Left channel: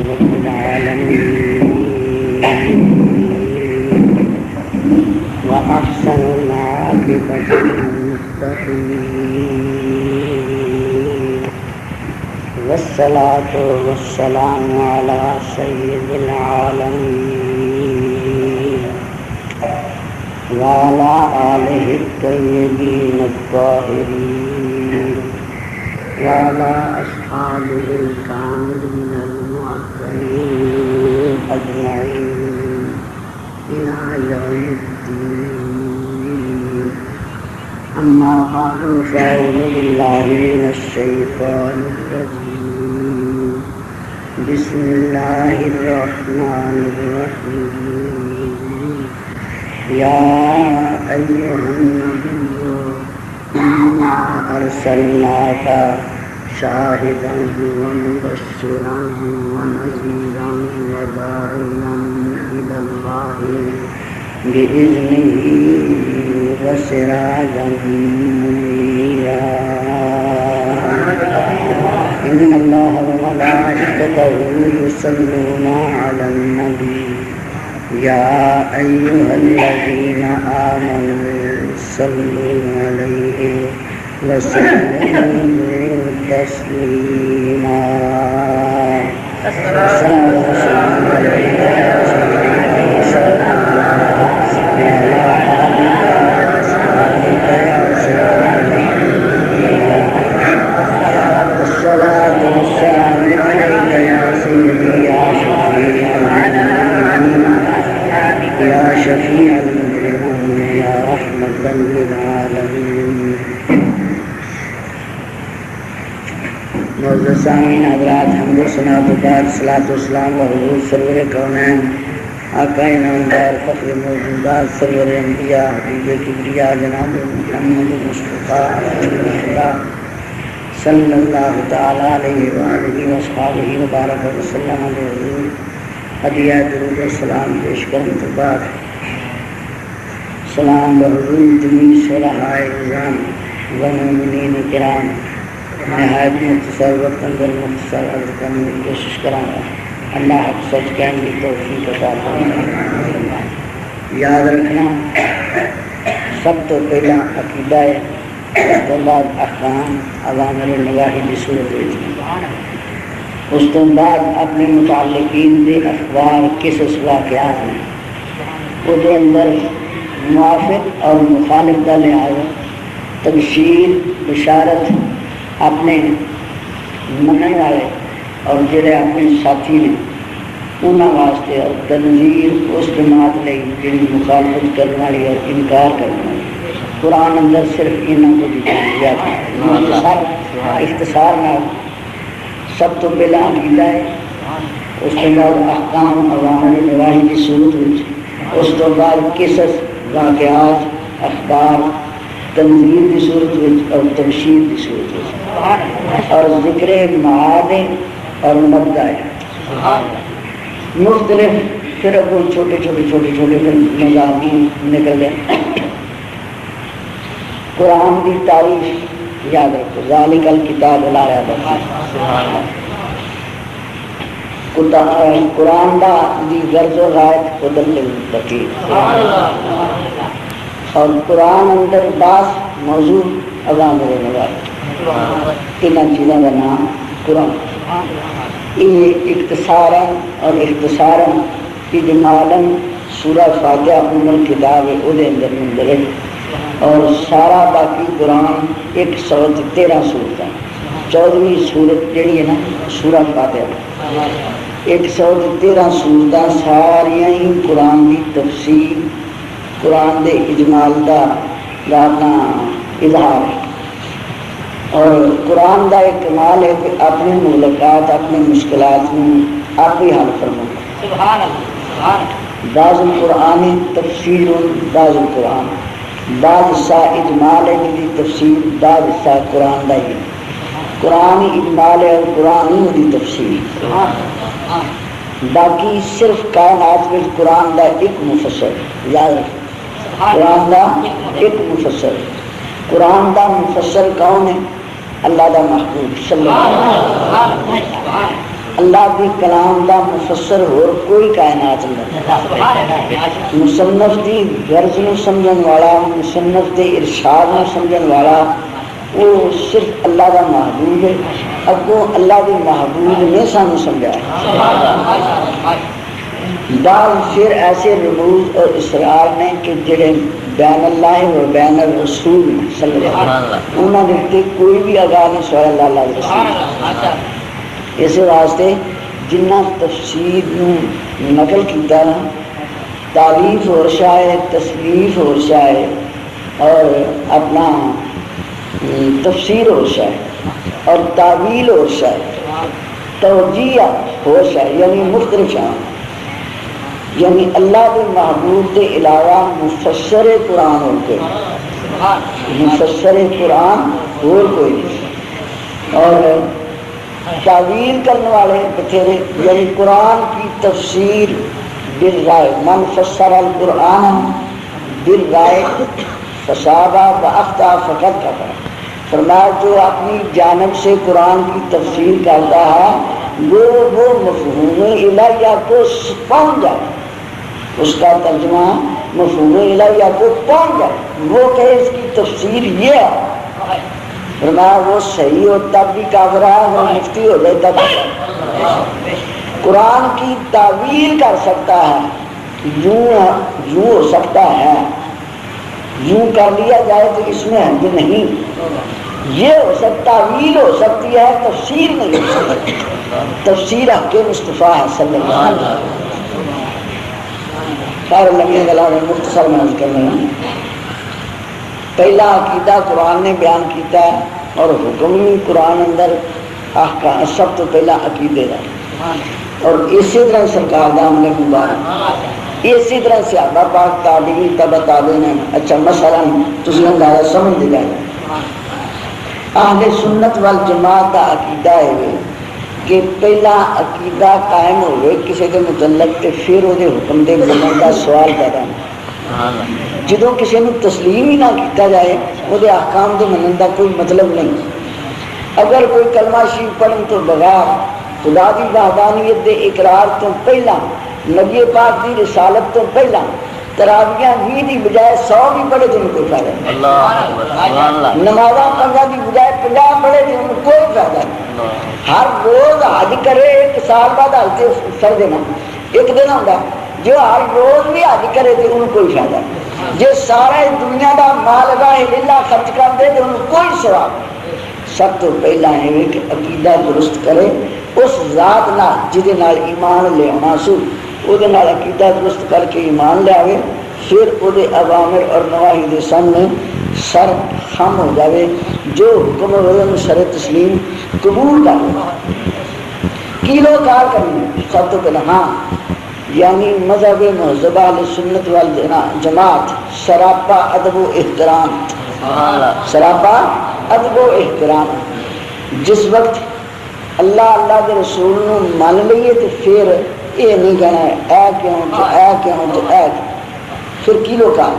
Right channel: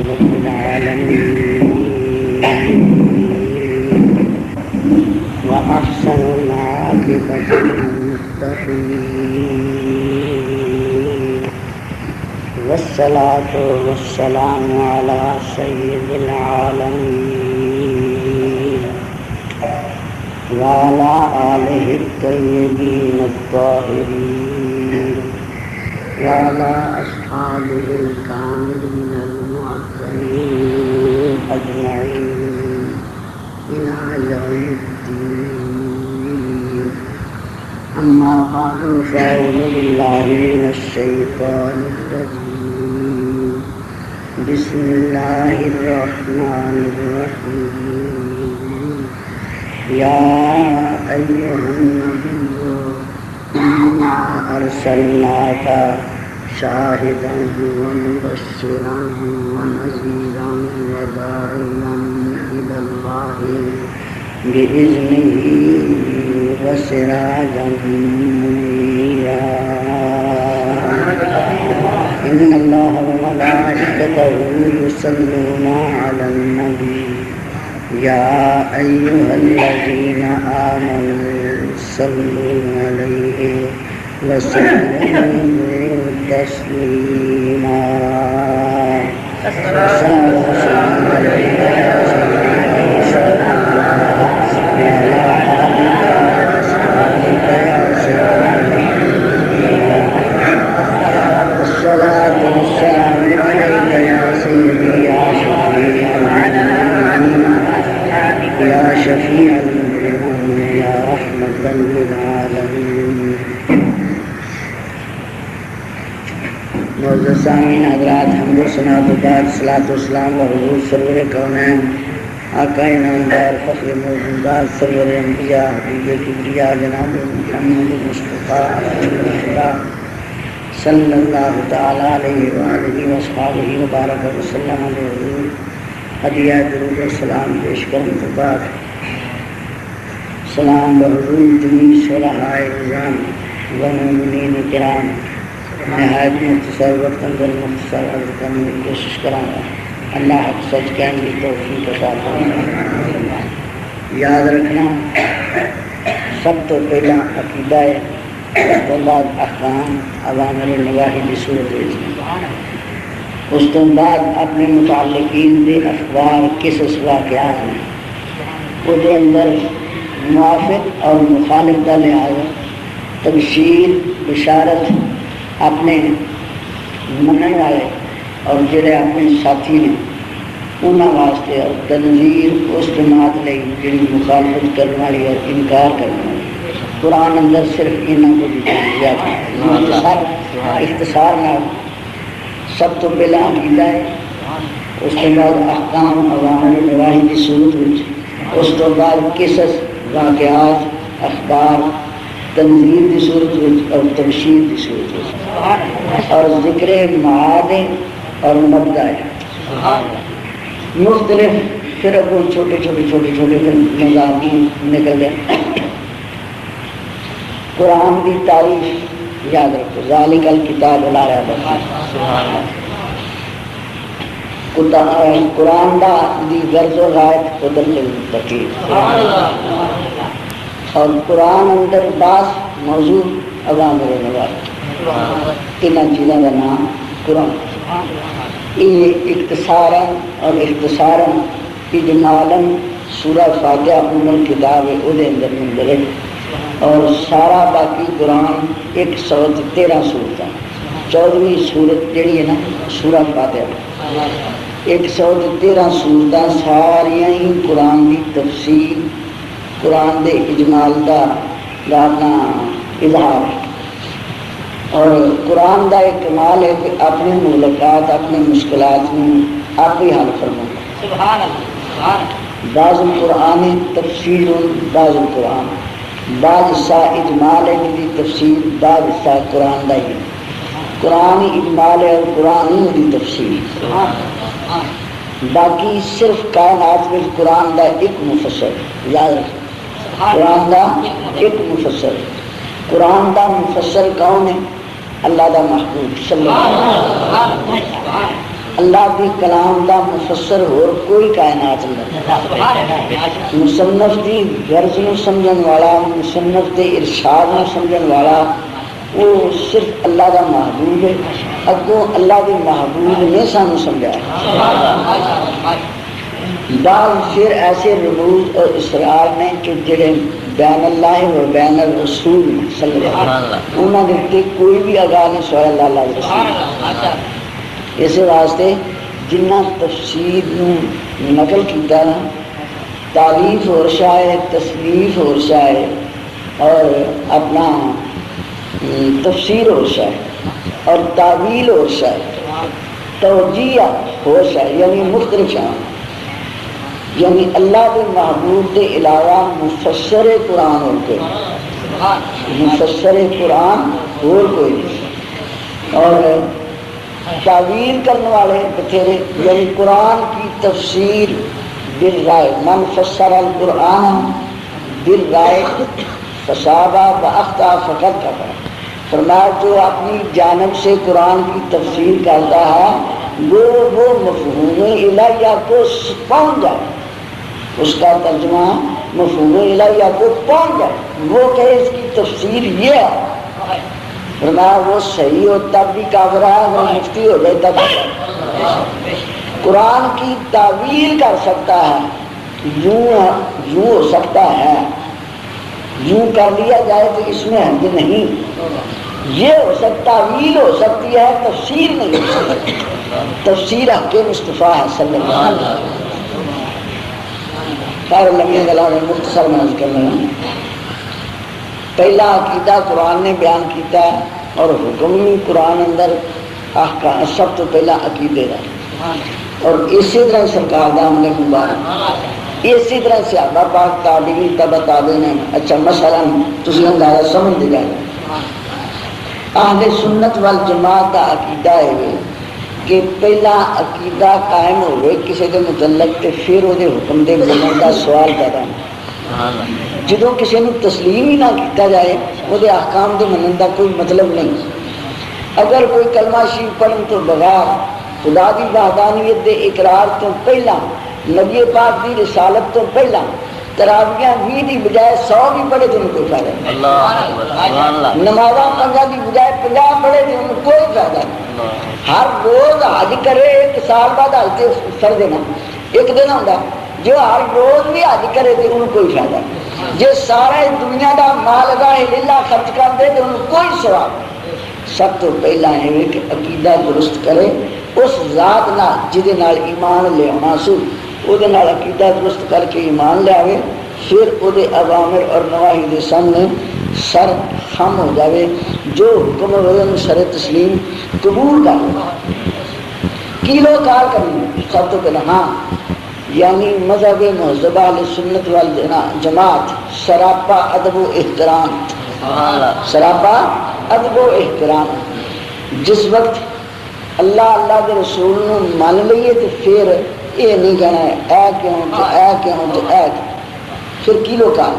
رب العالمين وأحسن العاقبة للمتقين والصلاة والسلام على سيد العالمين وعلى آله الطيبين الطاهرين وعلى أصحابه الكاملين المعتمين أجمعين إلى يوم الدين. أما بعد فأعوذ بالله من الشيطان الرجيم. بسم الله الرحمن الرحيم. يا أيها النبي إنا أرسلناك شاهدا ومبشرا ونذيرا وداعيا إلى الله بإذنه وسراجا منيرا. إن الله وملائكته يصلون على النبي يا أيها الذين آمنوا صلوا عليه وسلموا تسليما. يا شفيع المؤمنين يا رحمة للعالمين. معزز سامعین حضرات، حمد و ثنا و بعد صلاۃ و سلام حضور سرور کونین آقا نامدار فخر موجودات سرور انبیاء حبیب کبریا جناب محمد مصطفیٰ صلی اللہ تعالی علیہ وآلہ وصحبہ وبارک وسلم علیہ ہدیہ درود و سلام پیش کرنے کے بعد سلام بحضور جمیع صلحاء اعظام و مومنین کرام، نہایت مختصر وقت اندر مختصر عرض کرنے کی کوشش کروں گا. اللہ حق سچ کہنے کی توفیق عطا فرمائے. یاد رکھنا، سب تو پہلا عقیدہ ہے، اس کے بعد احکام اوامر نواہی کی صورت ہے. اس کے بعد اپنے متعلقین دے اخبار قصص واقعات ہیں، وہ دے اندر موافق اور مخالف کا لحاظ، تبشیر بشارت اپنے منن والے اور جڑے اپنے ساتھی نے انہوں واسطے، اور تنظیر اس جماعت لئی جن مخالفت کرنے والی اور انکار کرنے والی. قرآن اندر صرف انہوں کو دیا تھا. اختصار نہ سب تو پہلا عقیدہ ہے، اس کے بعد احکام اوامر نواہی کی صورت میں، اس کے بعد قصص واقعات اخبار تنظیر کی صورت میں اور تبشیر کی صورت میں، اور ذکر معاد اور مبدا ہے مختلف. پھر اب وہ چھوٹے مضامین نکل گئے. قرآن کی تعریف یاد رکھو، ذالک الکتاب لا ریب فیہ. قرآن دا دی غرض و غایت ہدی للمتقین. اور قرآن اندر بعض موضوع اوامر و نواہی، تینوں چیزوں کا نام قرآن. یہ اختصاراً اور اختصاراً اجمالاً سورہ فاتحہ ام الکتاب ہے، وہ اندر مندرج، اور سارا باقی قرآن 113 سورتیں. 14ویں سورت جڑی ہے نا سورہ فاتحہ، 113 سورتیں ساریاں ہی قرآن کی تفسیر، قرآن دے اجمال دا اپنا اظہار ہے. اور قرآن دا ایک کمال ہے کہ اپنی مغلقات، اپنی مشکلات میں آپ ہی حل فرمائے. بعض القرآن تفسیر، بعض القرآن بعض حصہ اجمال ہے جی تفسیر، بعض حصہ قرآن دا ہی. قرآن اجمال ہے اور قرآن دی تفسیر. باقی صرف کائنات میں قرآن دا ایک مفسر. یاد رکھیں، قرآن دا ایک مفسر. قرآن دا مفسر کون ہے؟ اللہ دا محبوب صلی اللہ علیہ وسلم. اللہ کے کلام کا مفسر ہو کوئی کائنات نہیں، مصنف کی غرض نو سمجھن والا، مصنف کے ارشاد نو سمجھن والا وہ صرف اللہ کا محبوب ہے، اگوں اللہ کے محبوب نے سانو سمجھا۔ بعض پھر ایسے رموز اور اسرار نے کہ جڑے بین اللہ و بین الرسول صلی اللہ علیہ وسلم انہوں نے کوئی بھی آگاہ نہیں سوائے اللہ علیہ رسول۔ اس واسطے جنہ تفسیر نقل کیتا نا، تعریف اور شاید تصریف اور شاید اور اپنا تفسیر اور شاید اور تعویل اور شاید توجیہ اور شاید یعنی مختلف شاید، یعنی اللہ کے محبوب کے علاوہ مفسر قرآن اور کوئی، مفسر قرآن اور کوئی نہیں، اور تعویل کرنے والے بتھیرے، یعنی قرآن کی تفسیر بالرائے، من فسر القرآن بالرائے فصابہ واخطا فقد کفر۔ فرمایا جو اپنی جانب سے قرآن کی تفسیر کرتا ہے وہ مفہوم الہیہ کو پہنچ جائے، اس کا ترجمہ مفہوم الہیہ کو پہنچ جائے، وہ کہ اس کی تفسیر یہ ہے، فرمایا وہ صحیح ہو تب بھی کافر ہے، وہ مفتی ہو جائے تب قرآن کی تعویل کر سکتا ہے، یوں ہو سکتا ہے، یوں کر لیا جائے تو اس میں حد نہیں، یہ ہو سکتا تعویل ہو سکتی ہے، تفسیر نہیں ہو سکتی۔ تفسیر حق مصطفیٰ صلی اللہ علیہ وسلم۔ خیر لمبی گلا میں مختصر میں کرنے پہلا عقیدہ قرآن نے بیان کیتا ہے اور حکم بھی قرآن اندر سب تو پہلا عقیدے کا، اور اسی طرح سرکار دا ہم نے مبارک، اسی طرح صحابہ پاک تابعین تبع تابعین۔ اچھا مثلا تسی اندازہ سمجھ دے جائے اہل سنت والجماعت کا عقیدہ ہے کہ پہلا عقیدہ قائم ہوئے کسی کے متعلق تے پھر وہ حکم دے منن کا سوال پیدا ہوتا، جدوں کسی نے تسلیم ہی نہ کیتا جائے وہ احکام دے منن کا کوئی مطلب نہیں۔ اگر کوئی کلمہ شریف پڑھن تو بغیر خدا کی وحدانیت دے اقرار تو پہلا، نبی پاک کی رسالت تو پہلا تراویاں 20 کی بجائے 100 بھی پڑھے تو ان کو فائدہ نہیں، نمازاں 5 کی بجائے 50 پڑھے تو ان کو کوئی فائدہ نہیں، ہر روز حج کرے، ایک سال بعد حج کر دینا ایک دن ہوتا، جو ہر روز بھی حج کرے تو ان کو کوئی فائدہ نہیں، جو سارا دنیا کا مال گاہ للہ خرچ کر دے تو ان کو کوئی ثواب نہیں۔ سب تو پہلا ہے کہ عقیدہ درست کرے اس ذات نال جہدے نال ایمان لے آنا سو، وہ عقیدہ درست کر کے ایمان لے آئے، پھر وہ اوامر اور نواہی دے سامنے سر خم ہو جاوے، جو حکم ہوئے سر تسلیم قبول کر کیلو کار کرنی سب تو پہلے، ہاں یعنی مذہب مہذبہ سنت والجماعت سراپا ادب و احترام، سراپا ادب و احترام۔ جس وقت اللہ کے رسول نو مان لئیے تو پھر یہ نہیں کہنا ہے اے کیوں تو اے کیوں تو اے کیوں، پھر کیلو کال۔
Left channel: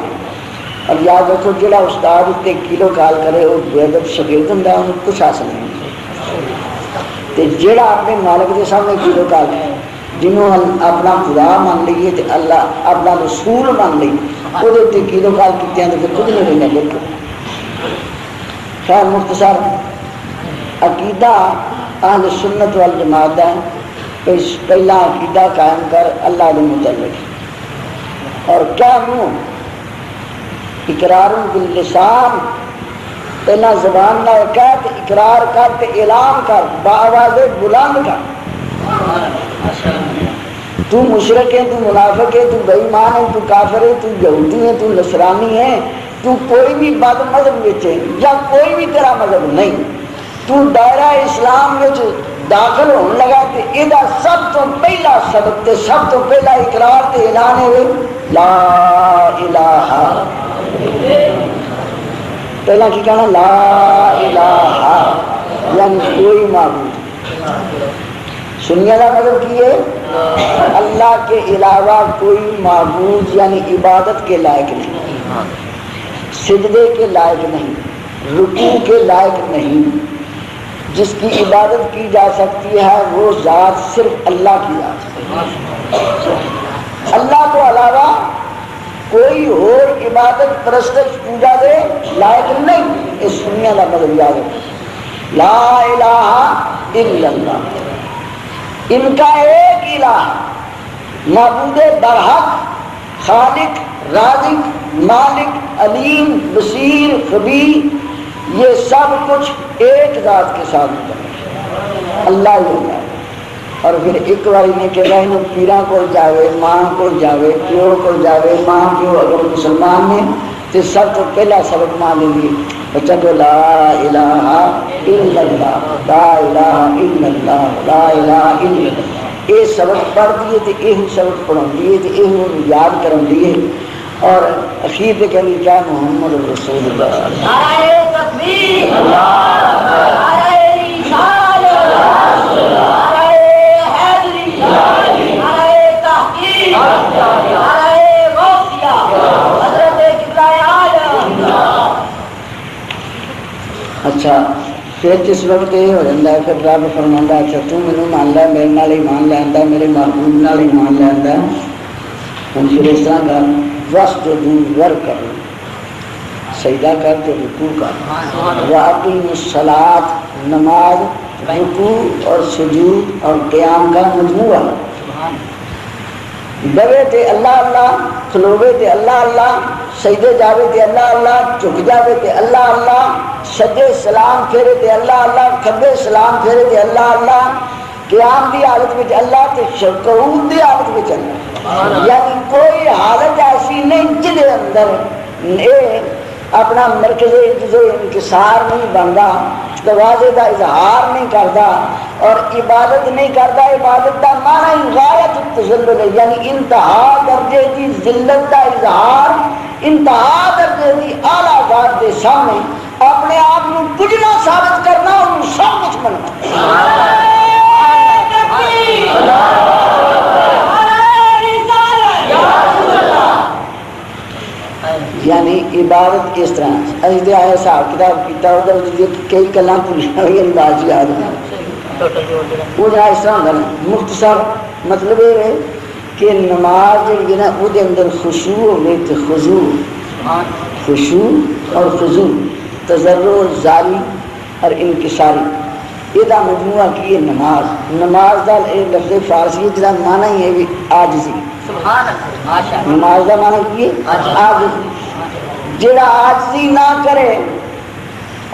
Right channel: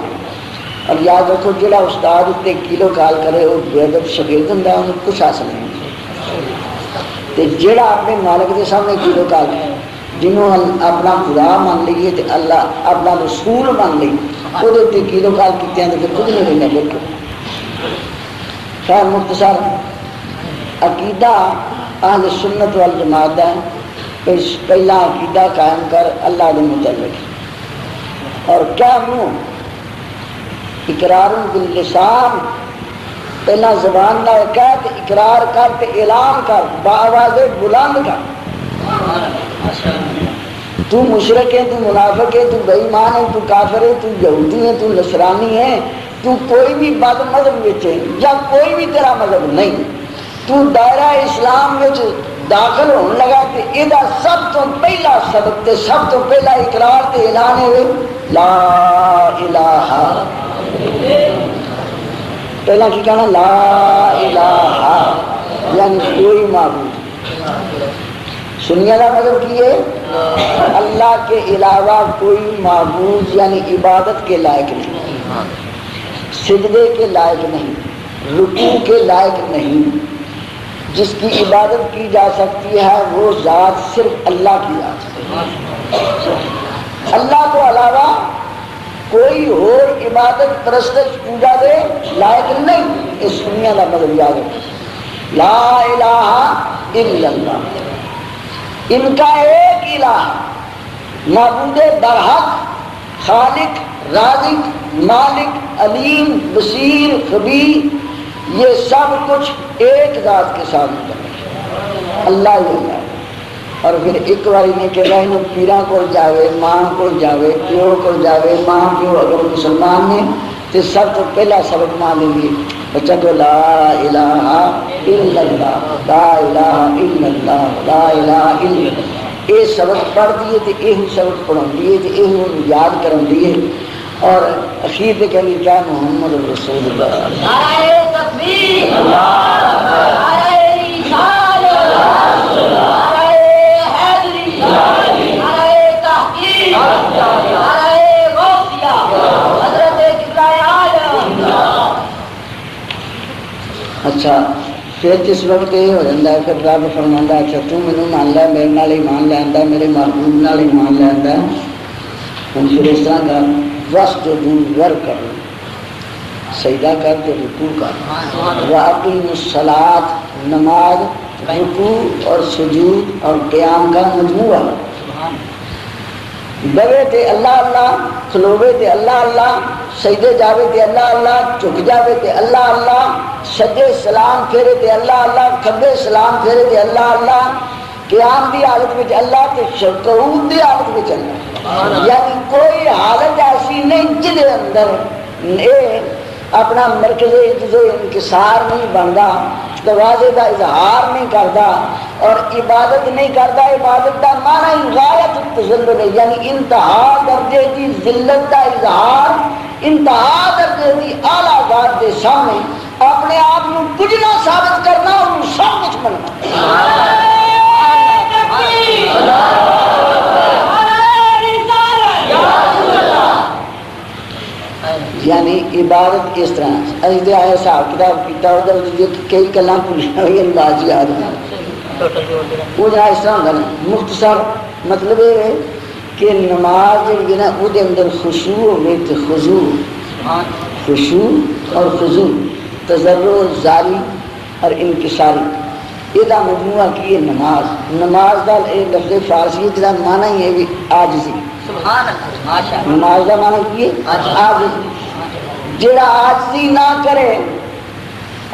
اور یاد رکھو جڑا استاد اتنے کیلو کال کرے وہ بے ادب شاگرد ہوں، انہیں کچھ حاصل نہیں ہوتا۔ جڑا اپنے مالک کے سامنے کیلو کال کرے، جنہوں اپنا خدا مان لیے تو اللہ اپنا رسول مان لی، وہ کیلو کال کیتے ہیں تو پھر خود نہیں لینا بالکل۔ خیر مختصر عقیدہ اہل سنت والجماعت ہے، پہلا عقیدہ قائم کر اللہ کے متعلق، اور کیا منہ اقرار باللسان، پہلا زبان نہ کہہ تے اقرار کر تے اعلان کر، بآواز بلند کر۔ تو مشرک ہے، تو منافق ہے، تو بے ایمان ہے، تو کافر ہے، تو یہودی ہے، تو نصرانی ہے، تو کوئی بھی بد مذہب ہے یا کوئی بھی تیرا مذہب نہیں، تو دائرہ اسلام میں داخل ہونے لگا تو یہ سب تو پہلا سبق تے سب تو پہلا اقرار تے اعلان ہے لا الہ، پہلا کی کہنا لا الہ یعنی کوئی معبود، سننے کا مطلب کی ہے اللہ کے علاوہ کوئی معبود یعنی عبادت کے لائق نہیں، سجدے کے لائق نہیں، رکوع کے لائق نہیں، جس کی عبادت کی جا سکتی ہے وہ ذات صرف اللہ کی ذات ہے۔ اللہ کو علاوہ کوئی اور عبادت پرستش پوجا دے لائق نہیں۔ اس دنیا کا مطلب یاد ہے لا الہ الا اللہ، ان کا ایک الہ معبود برحق، خالق، رازق، مالک، علیم، بصیر، خبیر، یہ سب کچھ ایک ذات کے ساتھ اللہ ہی اللہ۔ اور پھر ایک باری نے کہ رہے پیران کو جاوے، ماں کو جاوے، پیور کو جاوے، ماں پیو اگر مسلمان نے تو سب تو پہلا سبق مان لیں گے بچہ کو لا الہ الا اللہ، لا الہ الا اللہ، لا الہ الا اللہ۔ یہ سبق پڑھ دیے تو یہ سبق پڑھا دیے تو یہ یاد کرن دیے، اور اخیر پہ کہیں کیا محمد رسول اللہ۔ اچھا پھر جس وقت یہ ہو جاتا ہے پھر رب فرماتا ہے اچھا تو مینوں مان لے، میرے نال ایمان لیندا، میرے محبوب نال ایمان لیندا، ہن پھر اس طرح کا واسجدوا ورکعوا، سجدہ کر کے رکوع کر، واقیم الصلاۃ، نماز، رکوع اور سجود اور قیام کا مجموعہ، گوے تے اللہ اللہ، کھلوے تے اللہ اللہ، سجدے جاوے تے اللہ اللہ، جھک جاوے تے اللہ اللہ، سجدے سلام پھیرے تے اللہ اللہ، کھبے سلام پھیرے تے اللہ اللہ، قیام دی حالت میں اللہ تے قعود دی حالت میں اللہ۔ یعنی کوئی حالت ایسی نہیں جہدے اندر اپنا مرکز انکسار نہیں بنتا، تواضع کا اظہار نہیں کرتا اور عبادت نہیں کرتا۔ عبادت کا معنی ہی غایت التذلل ہے، یعنی انتہا درجے کی ذلت کا اظہار، انتہا درجے کی اعلیٰ ذات کے سامنے اپنے آپ کو کچھ نہ ثابت کرنا اور سب کچھ بننا۔ یعنی عبادت اس طرح ازدے آئے حساب کتاب کیتا ادھر کئی گلاں بھولیاں ہوئی انداز یاد ہیں وہ جہاں اس طرح ہوتا نا۔ مختصر مطلب یہ ہے کہ نماز جڑی نا وہ اندر خشوع ہوئے تو خضوع، خشوع اور خضوع، تضرع زاری اور انکساری، یہ مجموعہ کی نماز۔ نماز کا لفظ فارسی جہاں معنی ہی ہے بھی عاجزی، نماز کا معنی کی ہے عاجزی۔ جڑا عاجزی نہ کرے،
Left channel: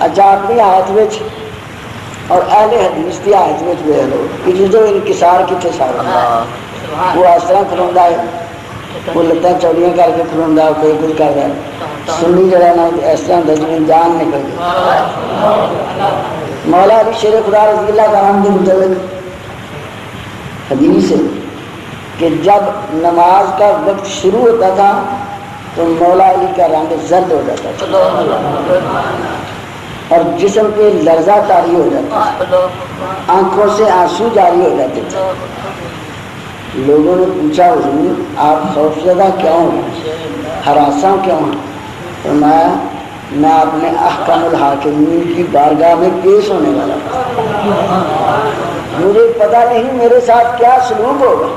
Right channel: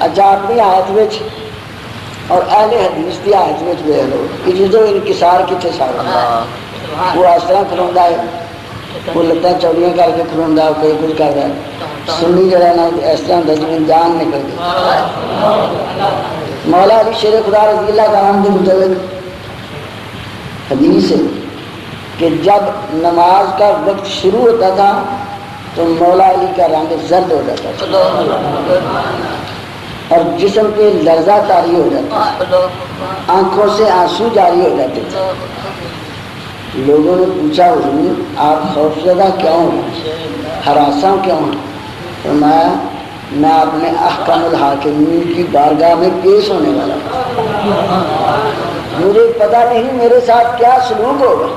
اچھا اپنی ہاتھ وچ اور اہل حدیث کی ہاتھ وچ ہوئے لوگ جو انکسار کتنے سارا وہ اس طرح کھلوندا ہے، وہ لتاں چوڑیاں کر کے کھلوندا ہے، کوئی کچھ کر رہا ہے۔ سنی جڑا نا اس طرح ہوتا جی جان نکل گئی۔ مولا علی شیر خدا رضی اللہ عنہ کے مطابق حدیث ہے کہ جب نماز کا وقت شروع ہوتا تھا تو مولا علی کا رنگ زرد ہو جاتا تھا اور جسم پہ لرزہ طاری ہو جاتا تھا، آنکھوں سے آنسو جاری ہو جاتے تھے۔ لوگوں نے پوچھا حضور آپ خوفزدہ کیوں ہیں، ہراساں کیوں ہیں؟ فرمایا میں اپنے احکام الحاکمین کی بارگاہ میں پیش ہونے والا مجھے پتہ نہیں میرے ساتھ کیا سلوک ہوگا۔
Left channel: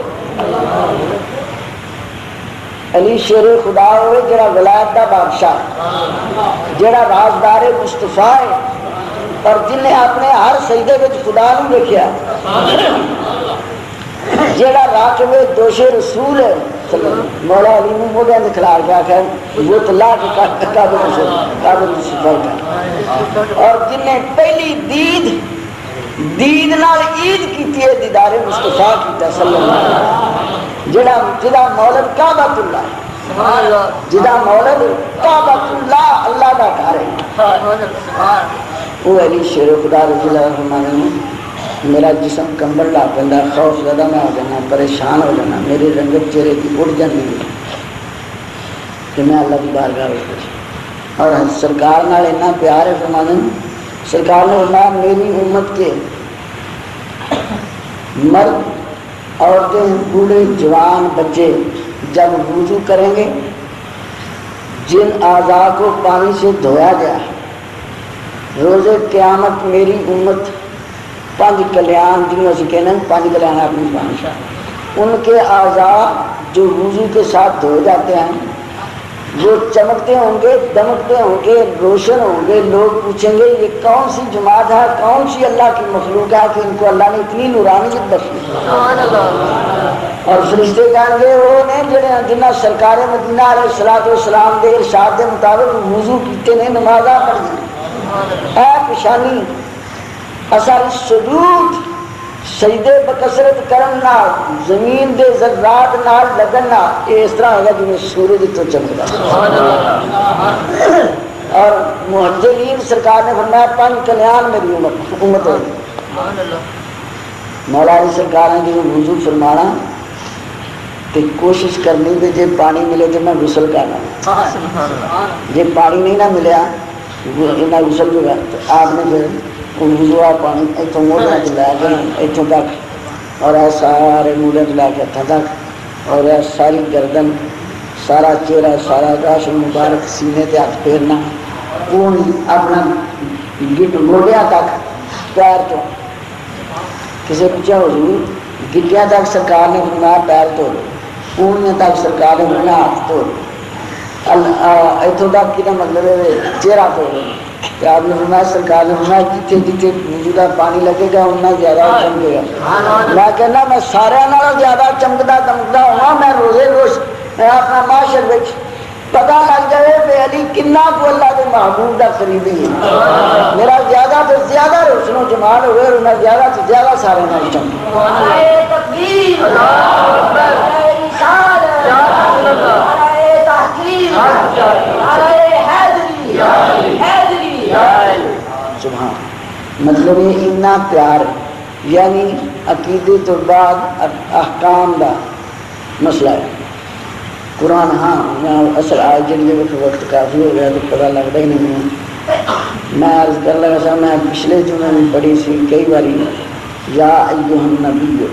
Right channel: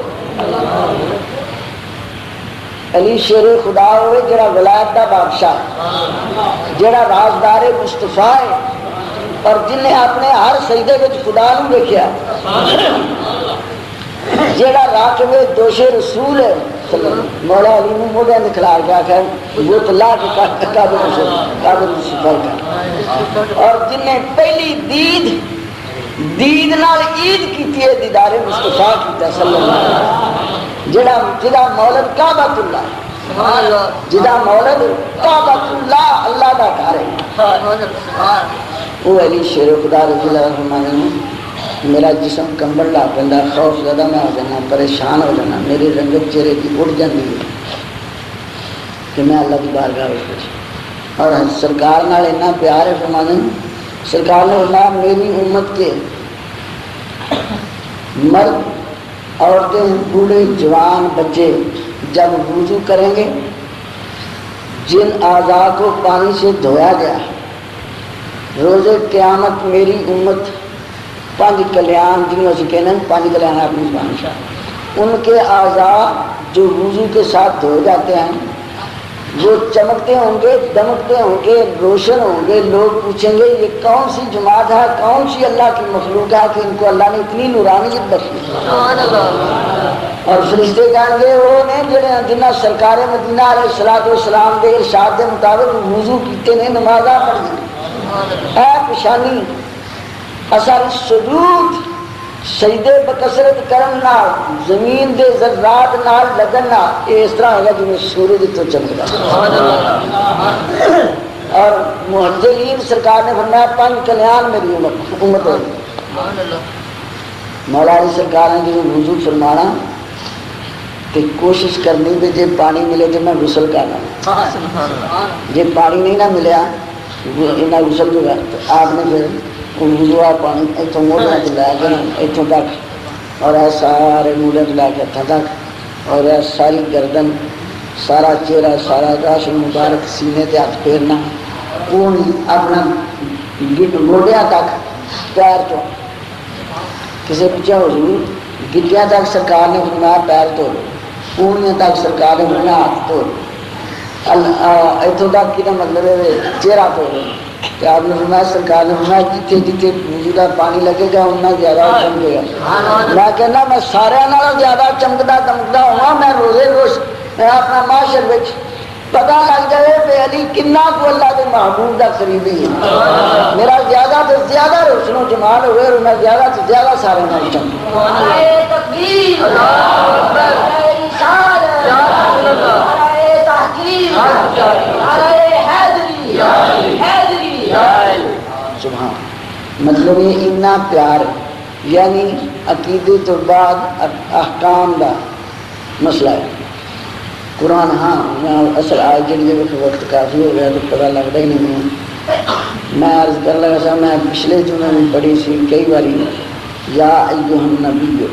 علی شیر خدا ہوئے جڑا ولایت دا بادشاہ، جڑا رازدار مصطفیٰ ہے اور جن نے اپنے ہر سجدے وچ خدا نوں دیکھیا، جڑا راکب دوش رسول ہے، مولا علی نے موڈے تے کھلار کے آکھیا وہ تو لا کے کعبہ سے سفر کر، اور جن نے پہلی دید نال عید کیتی ہے، دیدار مصطفیٰ کیتا صلی اللہ علیہ وسلم، جدا مولد کعبۃ اللہ، جدا مولد کعبۃ اللہ، اللہ دا گھر ہے۔ وہ علی شیر خدا رضی اللہ عنہ نے میرا جسم کمبل لا پہ خوف زدہ میں ہو جانا، پریشان ہو جانا، میری رنگت چہرے کی اڑ جاتی کہ میں اللہ کی بارگاہ میں، اور سرکار نال اتنا پیار ہے فرمانے سرکار نے فرمایا میری امت کے مرد، عورتیں، بوڑھے، جوان، بچے جب وضو کریں گے جن اعضاء کو پانی سے دھویا گیا ہے، روز قیامت میری امت پانچ کلیان جنہوں سے کہنا پانچ کلیان اپنی زبان سے، ان کے اعضاء جو وضو کے ساتھ دھو جاتے ہیں وہ چمکتے ہوں گے، دمکتے ہوں گے، روشن ہوں گے. لوگ پوچھیں گے یہ کون سی جماعت ہے، کون سی اللہ کی مخلوق ہے کہ ان کو اللہ نے اتنی نورانیت بخشی. اور فرشتے کہیں گے وہ نے جنہیں سرکار مدینہ علیہ الصلوۃ والسلام کے ارشاد کے مطابق وضو کیتے نے نمازاں پڑھی اے پشانی اثر سجود سجدے بکثرت کرن نال زمین دے ذرات نال لگن نال اس طرح ہوگا جنہیں سورج تو چمکدا. اور محجلین سرکار نے فرمایا پانچ کلیان میری امت ہے. مولا علی سرکار نے جو وضو فرمانا تو کوشش کرنی کہ جی پانی ملے تو میں غسل کرنا، جی پانی نہیں نہ ملیا غسل جو ہے تو آپ نے پھر وضو پانی اتوں موڑوں سے لے کے اتوں تک اور سارے موڑے سے لے کے ہاتھوں تک اور ساری گردن سارا چہرہ سارا گاش مبارک سینے تے ہاتھ پھیرنا اپنا گوڈیا تک پیر تو کسی پوچھا حضور گٹیا تک سرکار نے فرمایا پیر تو پوڑیاں تک سرکار نے فرمایا ہاتھ تو اتوں تک کہ مطلب چہرہ تو آپ نے فرمایا سرکار نے فرمایا جتنے جتنے وضو کا پانی لگے گا اتنا زیادہ چمکے گا. میں کہنا میں سارے نال زیادہ چمکتا دمکتا ہوا میں روزے روز اپنا معاشر وچ پتا لگ جائے کہ علی کنا کو اللہ کے محبوب کا قریبی ہے. میرا زیادہ تو زیادہ روشن و جمال ہوئے اور میں زیادہ تو زیادہ سارے نال چمکوں. مطلب یہ اتنا پیار یعنی عقیدے تو بعد احکام کا مسئلہ ہے. قرآن ہاں میں اصل آج جڑی وقت کافی ہو گیا تو پتہ لگتا ہی نہیں. میں عرض کر لگا سا میں پچھلے جمعے میں پڑھی سی کئی باری یا ایھا النبی،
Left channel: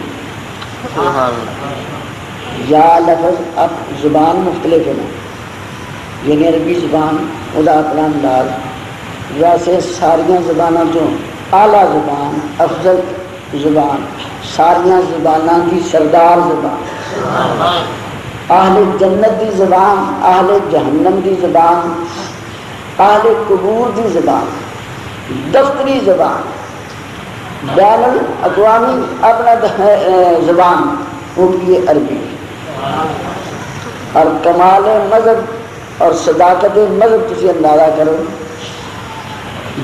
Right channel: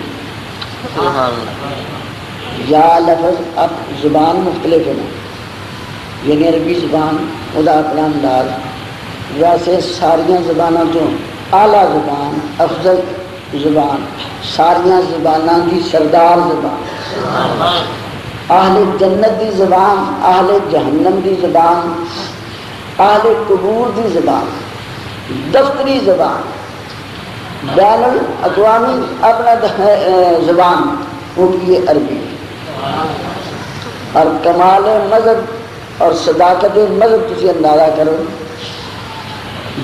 یا لفظ اب زبان مختلف ہے یعنی عربی زبان ادا اپنا انداز. ویسے ساریاں زبانوں جو اعلیٰ زبان افضل زبان ساریاں زبانوں کی سردار زبان، اہل جنت دی زبان، اہل جہنم دی زبان، اہل قبور دی زبان، دفتری زبان، بین الاقوامی اپنا زبان وہ کی عربی. اور کمال مذہب اور صداقت مذہب کسی اندازہ کرو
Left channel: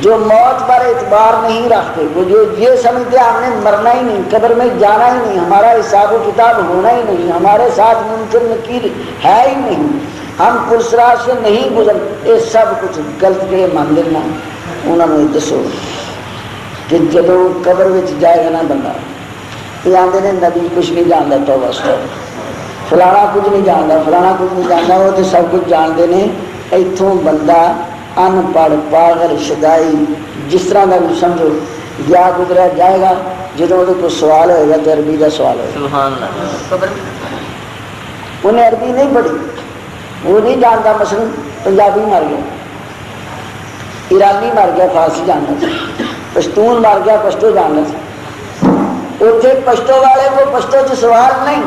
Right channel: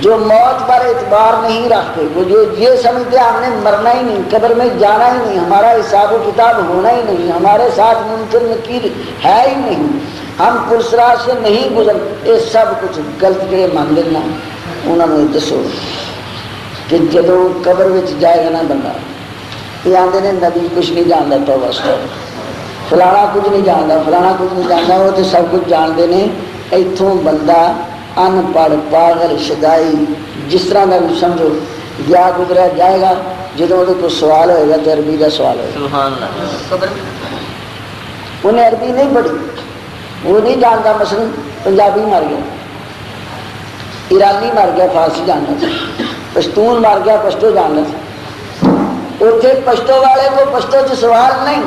جو موت پر اعتبار نہیں رکھتے، وہ جو یہ سمجھتے ہم نے مرنا ہی نہیں، قبر میں جانا ہی نہیں، ہمارا حساب و کتاب ہونا ہی نہیں، ہمارے ساتھ منکر نکیر ہے ہی نہیں، ہم پرسرات سے نہیں گزر، یہ سب کچھ غلط کے مان لینا. انہوں نے دسو کہ جدو قبر میں جائے گا نا بندہ یہ آتے ہیں نبی کچھ نہیں جانتا تو بس فلانا کچھ نہیں جانتا فلانا کچھ نہیں جانتا، وہ تو سب کچھ جانتے ہیں. اتوں بندہ ان پڑھ پاگل شدائی جس طرح کا بھی سمجھو گیا گزرا جائے گا. جدو وہ کوئی سوال ہوئے گا تو عربی کا سوال ہوگا. انہیں عربی نہیں پڑھی، وہ نہیں جانتا. مثلا پنجابی مر گیا، ایرانی مر گیا فارسی جاننا تھا، پشتون مر گیا پشتو جاننا تھا. اتنے پشتو والے کو پشتو سے سوال نہیں،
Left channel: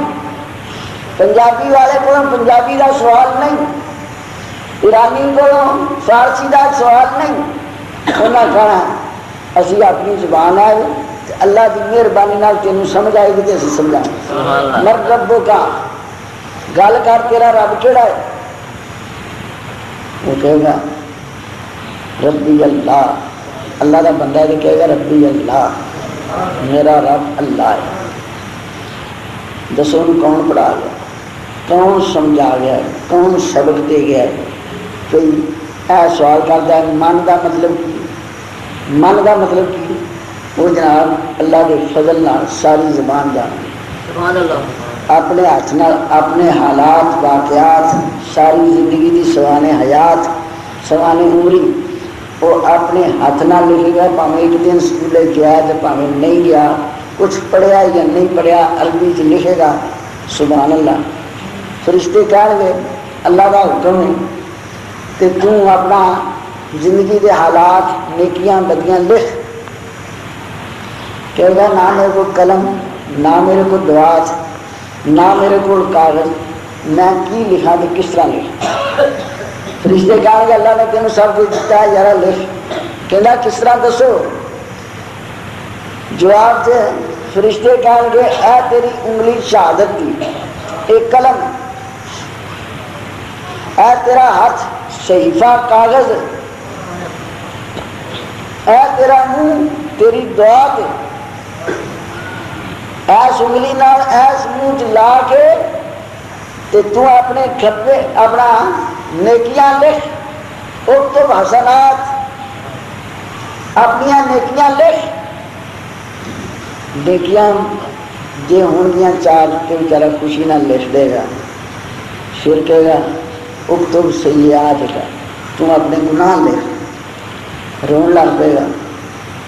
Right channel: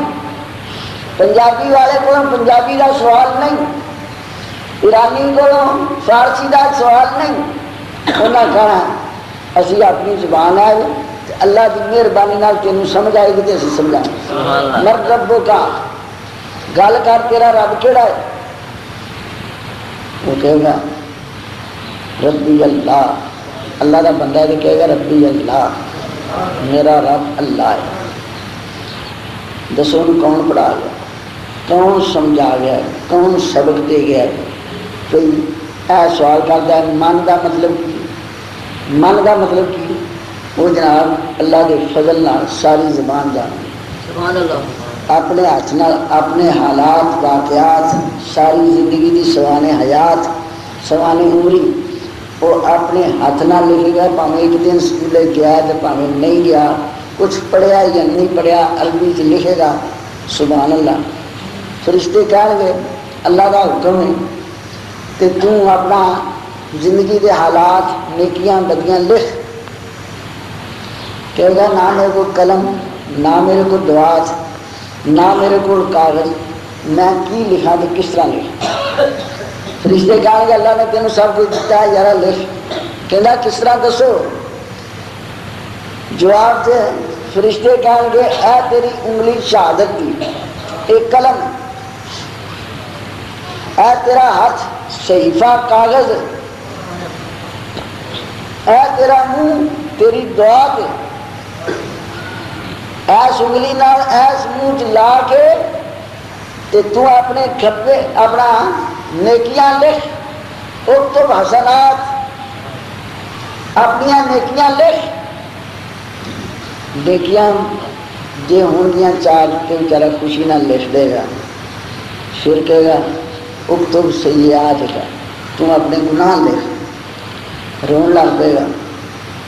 پنجابی والے کو پنجابی کا سوال نہیں، ایرانی کو فارسی کا سوال نہیں. انہیں کہنا اسی اپنی زبان آئے اللہ کی مہربانی تینوں سمجھ آئے گی تو اسی سمجھائیں. مر ربو کا گل کر تیرا رب کہڑا ہے؟ وہ کہے گا ربی اللہ. اللہ کا بندہ تو کہے گا ربی اللہ، میرا رب اللہ ہے. دسو کون پڑھا گیا، کون سمجھا گیا، کون سبق دے گیا؟ کوئی ایسا سوال کرتا ہے من کا مطلب کی؟ من کا مطلب کی؟ وہ جناب اللہ کے فضل نال ساری زبان جانا، اپنے ہاتھ نال اپنے حالات واقعات ساری زندگی کی سوانے حیات سوانے عمری وہ اپنے ہاتھ نال لکھے گا. پاویں ایک دن سکولے گیا تو پاویں نہیں گیا، کچھ پڑھیا یا نہیں پڑھیا عربی سے لکھے گا. سبحان اللہ. فرشتے کہیں گے اللہ کا حکم ہے کہ تو اپنا زندگی کے حالات نیکیاں بدیاں لکھ. کہے گا نہ میرے کو قلم، نہ میرے کو دوات، نہ میرے کو کاغذ، میں کی لکھا تو کس طرح لکھا؟ فرشتے کہیں گے اللہ نے تینوں سب کچھ دیتا ہے، ذرا لکھ۔ کہنا کس طرح دسو؟ جواب دے، فرشتے کہیں گے اے تیری انگلی شہادت کی ایک قلم، اے تیرا ہاتھ صحیفہ کاغذ، اے تیرا منہ تیری دعا کے، ایس انگلی نال ایس منہ لا کے تو اپنے کھبے اپنا نیکیاں لکھ، اکتب حسنات، اپنی نیکیاں لکھ۔ نیکیاں جے ہون گیاں چار تو بیچارہ خوشی نہ لکھ دے گا، پھر کہے گا اکتب سیئات کا، تم اپنے گناہ لکھ، رون لگ پے گا۔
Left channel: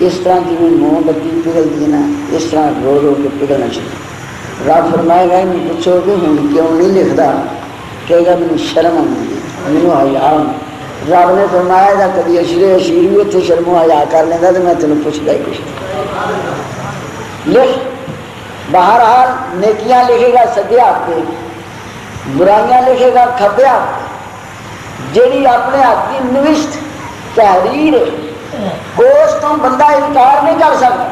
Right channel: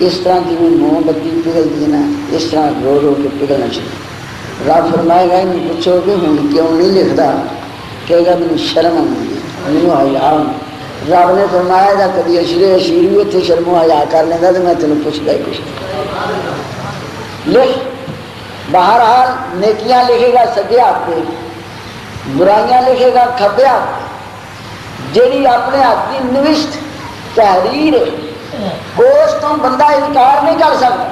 اس طرح کی موم بتی پگھلتی ہے نا، اس طرح رو رو کے پگھلنا چاہیے۔ رب فرمائے گا انہیں پوچھو کہ ہوں کیوں نہیں لکھتا؟ کہے گا مجھے شرم آئی ہے، مجھے حیا۔ رب نے فرمایا تھا کبھی اشیر بھی اتنے شرم و حیا کر لینا تو میں تمہیں پوچھتا ہی کچھ لکھ۔ بہرحال نیکیاں لکھے گا سجے ہاتھ پہ، برائیاں لکھے گا کھبے ہاتھ پہ۔ جیڑی اپنے ہاتھ کی نوشت تحریر ہے اس تو بندہ انکار نہیں کر سکتا۔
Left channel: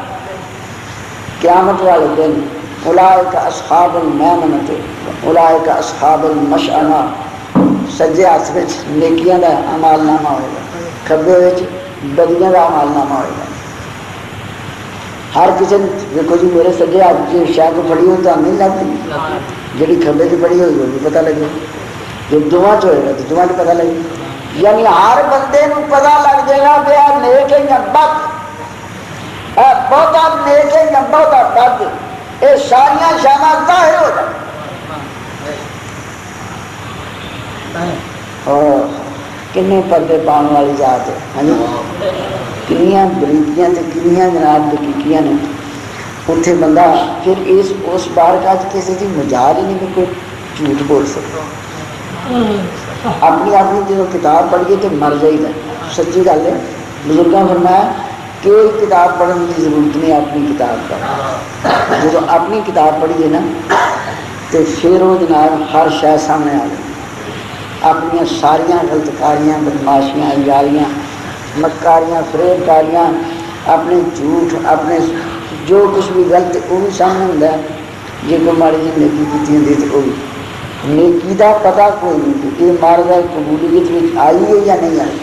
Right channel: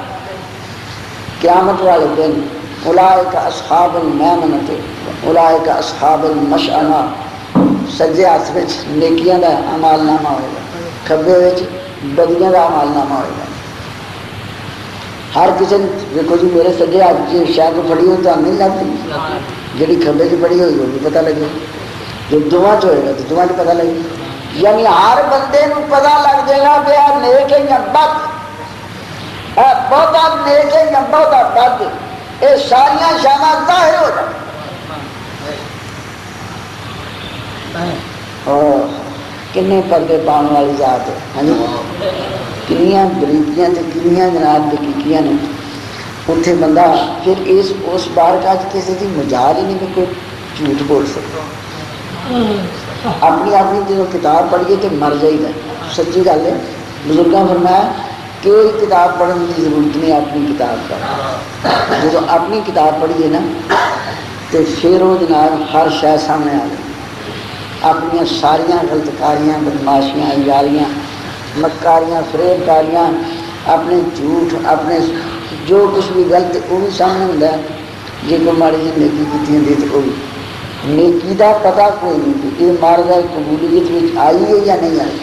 قیامت والے دن اولئک اصحاب المیمنۃ اولئک اصحاب المشأمہ، سجے ہاتھ میں نیکیاں کا اعمال نامہ ہوگا، کھبے بدیاں کا اعمال نامہ ہوگا۔ ہر کسی نے دیکھو جی میرے سجے ہاتھ کی شاید کو پڑھی ہوئی تو نہیں لگتی، جی کھبے کی پڑھی ہوئی ہوگی پتہ لگے، جو دعا چ ہوئے گا تو دعا کی پتہ لگے۔ یعنی ہر بندے کو پتہ لگ جائے گا کہ آپ نیک ہے یا بد، آپ بہت نیک ہے یا بہت بد، یہ ساریا شانہ ظاہر ہو جائے۔ اور کنے پردے پاؤں والی ذات ہے، ہاں جی، کنیاں بریکیاں تے کنیاں جناب دقیقیاں نے۔ اتنے بندہ پھر اس بار کا کسی کی مجال ہی نہیں کہ کوئی جھوٹ بول سکتا۔ اپنی جب کتاب پڑھیے تو مر جائے گا، سچی گل ہے۔ بزرگاں فرمایا کوئی کتاب پڑھنے کی ضرورت نہیں، اپنی کتاب پڑھ۔ جب اپنی کتاب پڑھیے نا تو پھر وہ جناب ہر شے سامنے آ جائے، اپنی ساریاں غلطکاریاں، بدماشیاں، یاریاں، مکاریاں، فریب کاریاں، اپنے جھوٹ، اپنے جو کچھ بھی غلط وہ بھی سامنے ہوتا ہے۔ جی کوئی ماڑی جی نیکی کی ہوتی تو وہ بھی نیکی کا پتا کوئی نہیں کہ یہ مار گئے قبولیت میں آئی ہے یا نہیں آئی۔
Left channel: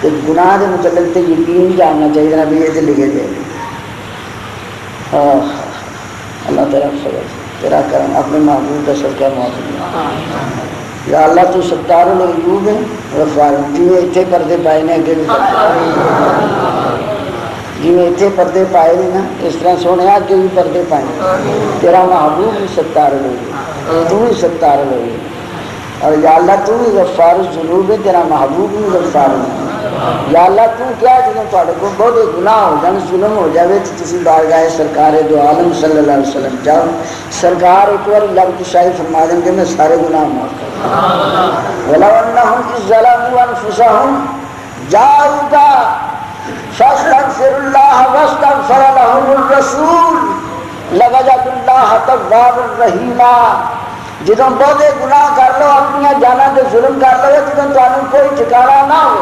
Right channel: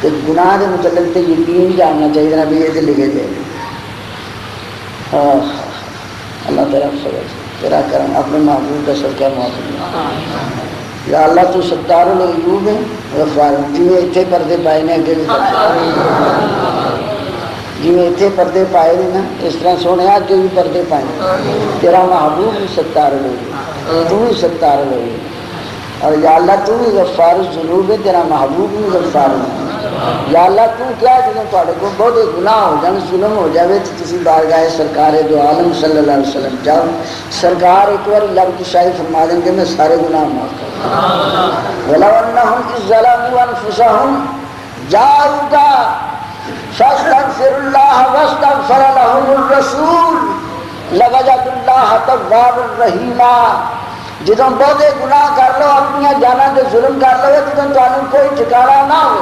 تو گناہ کے متعلق تو یقین جاننا چاہیے نا بھی یہ تو لکھے گئے۔ اللہ تعالیٰ تیرا کرم اپنے محبوب کا صدقہ موجود۔ یا اللہ تو ستار العیوب ہے غفار، جی اتنے پردے پائے نے اگے بھی جی اتنے پردے پائے نہیں نا اس طرح سونے اگے بھی پردے پائے۔ تیرا محبوب بھی ستار العیوب، تو بھی ستار العیوب، اور یا اللہ تو بھی غفار الذنوب ہے، تیرا محبوب بھی غفار الذنوب۔ یا اللہ تو کیا جنہوں تھوڑے کو بہت گناہ ہو جائے، ظلم ہو جائے تو تسی بارگاہ سرکار دو عالم صلی اللہ علیہ وسلم جاؤ، سرکار ایک بار لب کشائی فرما دیں گے میں سارے گناہ معاف کروں۔ وَلَوْ أَنَّهُمْ إِذْ ظَلَمُوا أَنفُسَهُمْ جَاءُوكَ فَاسْتَغْفِرُوا اللَّهَ وَاسْتَغْفَرَ لَهُمُ الرَّسُولُ لَوَجَدُوا اللَّهَ تَوَّابًا رَحِيمًا۔ جدوں بہتے گناہ کر لو، اپنی جاناں تے ظلم کر لو، جدوں تانوں کوئی ٹھکانا نہ ہو،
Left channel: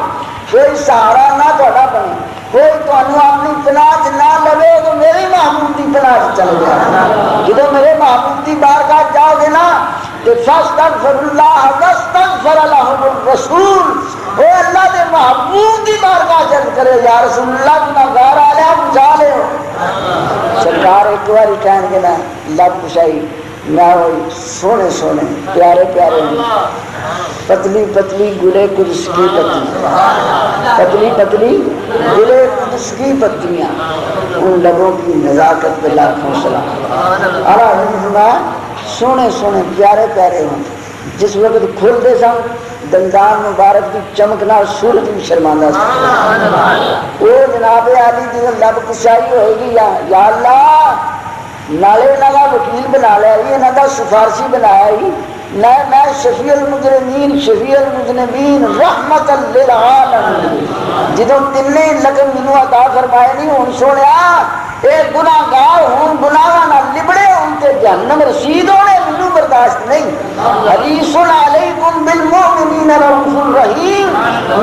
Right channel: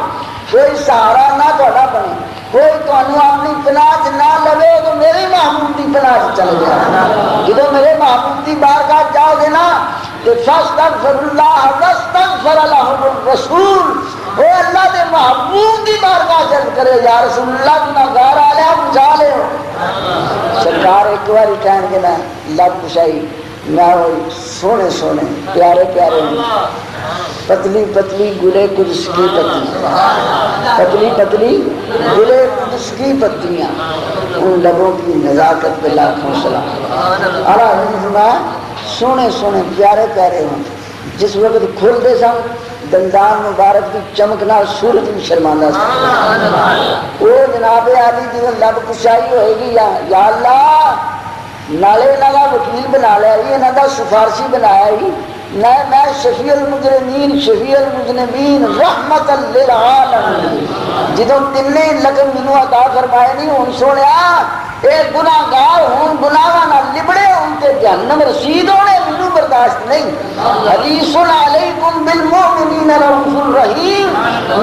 کوئی سہارا نہ تہاڈا بنے، کوئی تانوں اپنی پناہ نہ لگے تو میرے محبوب کی پناہ چلے جاؤ۔ جدوں میرے محبوب کی بارگاہ جاؤ گے نا تو فاستغفر اللہ واستغفر لهم الرسول، اے اللہ کے محبوب کی بارگاہ چل کرے یا رسول اللہ گناہگار آ جا بچا لے۔ سرکار ایک بار کہیں گے نا لب کشائی نہ ہوئی، سونے سونے پیارے پیارے پتلی پتلی گلے قدس کی پتیاں، پتلی پتلی گلے قدس کی پتیاں، ان لبوں کی نزاکت پہ لاکھوں سلام۔ اللہ سونے سونے پیارے پیارے ہوں، جس وقت کھلتے سن دندان مبارک کی چمکنا صورت بھی شرماندہ سی۔ وہ جناب عالی جی لب کشائی ہوئے گی یا اللہ نالے نہ وکیل بنا لیا، یہ نہ سفارشی بنایا ہی نہ میں شفیع المجرمین شفیع المذنبین رحمت للعالمین، جدوں تین لقب مینوں عطا فرمائے نہیں ہوں سونے اے گناہگار ہوں گناہاں نال لبڑے ہوں تے جہنم رسید ہونے مینوں برداشت نہیں. حریص علیکم بالمؤمنین رؤوف رحیم.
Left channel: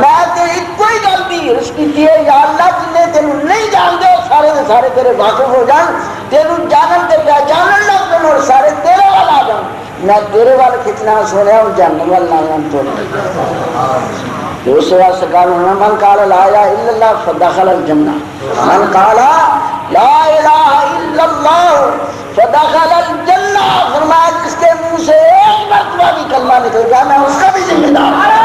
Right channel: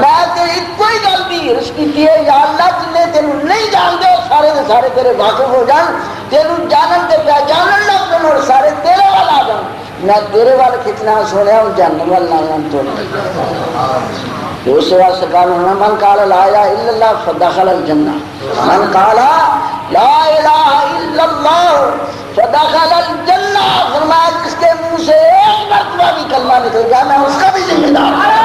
میں تے ایک ہی گل دی عرض کیتی ہے یا اللہ جنے تینوں نہیں جانتے سارے دے سارے تیرے واقف ہو جان, تینوں جانن تے پہچانن لگ پن اور سارے تیرے وال آ جان. میں تیرے وال کتنا سونا ہوں جہنم وال نہ جان تو دوسرا سرکار ہونا من قال لا الہ الا اللہ فدخل الجنہ, من قال لا الہ الا اللہ فدخل الجنہ. فرمایا جس کے منہ سے ایک مرتبہ بھی کلمہ نکل گیا میں اس کا بھی ذمہ دار ہوں.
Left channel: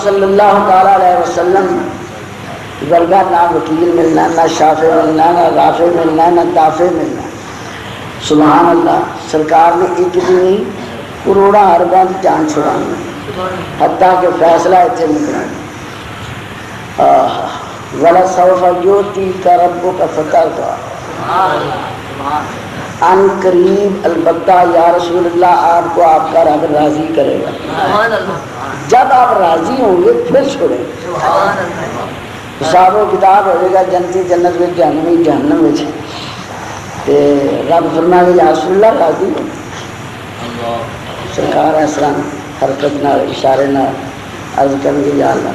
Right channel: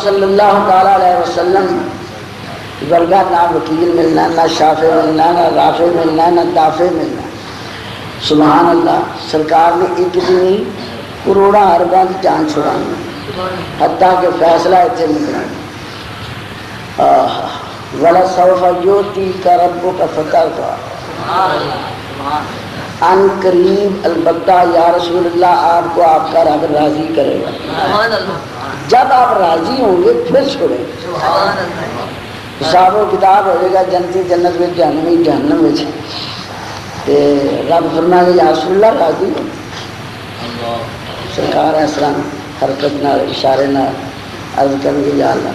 صلی اللہ تعالیٰ علیہ وسلم ورگا نہ وکیل ملنا, نہ شافع ملنا, نہ رافع ملنا, نہ دافع ملنا. سبحان اللہ. سرکار نے ایک بھی نہیں کروڑا ارباں کی جان چھڑانی, حتیٰ کہ فیصلہ اتنے نکلا وَلَسَوْفَ يُؤْتِيكَ رَبُّكَ فَتَرْضَىٰ. ان قریب البتہ یا رسول اللہ آپ کو آپ کا رب راضی کرے گا. جب آپ راضی ہوں گے پھر چھوڑیں. حساب و کتاب ہوئے گا جنتی جنت میں جہنمی جہنم میں. رب فرمائے یا رسول اللہ راضی ہو. سرکار اسلام حرکت نہ اشارے نہ عرض کریں گے یا اللہ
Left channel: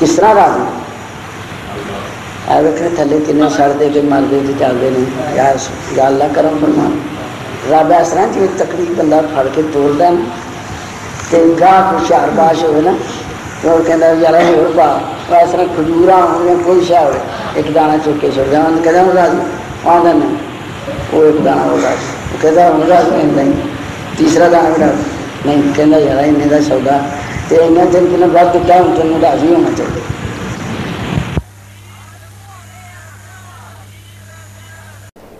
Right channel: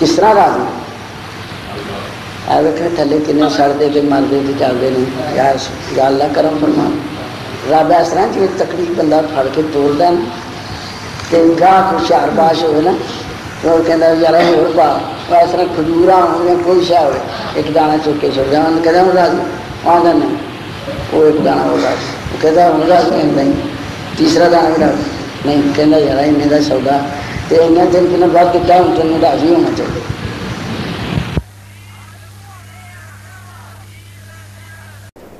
کس طرح راضی آئے تھلے کنے سڑ دے کے مر دے چلتے ہیں یا اللہ کرم فرما. رب اس طرح جی تکلیف بندہ پھڑ کے توڑ دینا کہ گاہ کو شہر باش ہوئے نا تو وہ کہتا ہے یار ہو با اس طرح کھجورا ہوں یا کوئی شاہ ہو ایک دانہ چک کے چھوڑ جائے انہوں نے کہتا ہوں راضی آدھا نہیں وہ ایک دانہ ہو راضی وہ کہتا ہے ہوں راضی نہیں تیسرا دانہ بھی راضی نہیں کہتا یار انہیں کا سودا تو انہیں دن کی بعد دیتا ہے ان کے راضی ہونا چاہیے.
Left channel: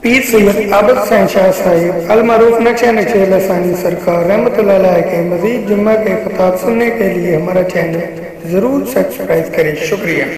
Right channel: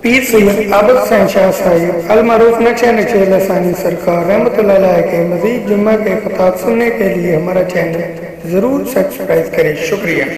پیر سید عابد حسین شاہ صاحب المعروف نقشہ نقشہ لسانی سرکار رحمۃ اللہ علیہ کے مزید جمعہ کے خطاب سننے کے لیے ہمارا چینل ضرور سبسکرائب کریں. شکریہ.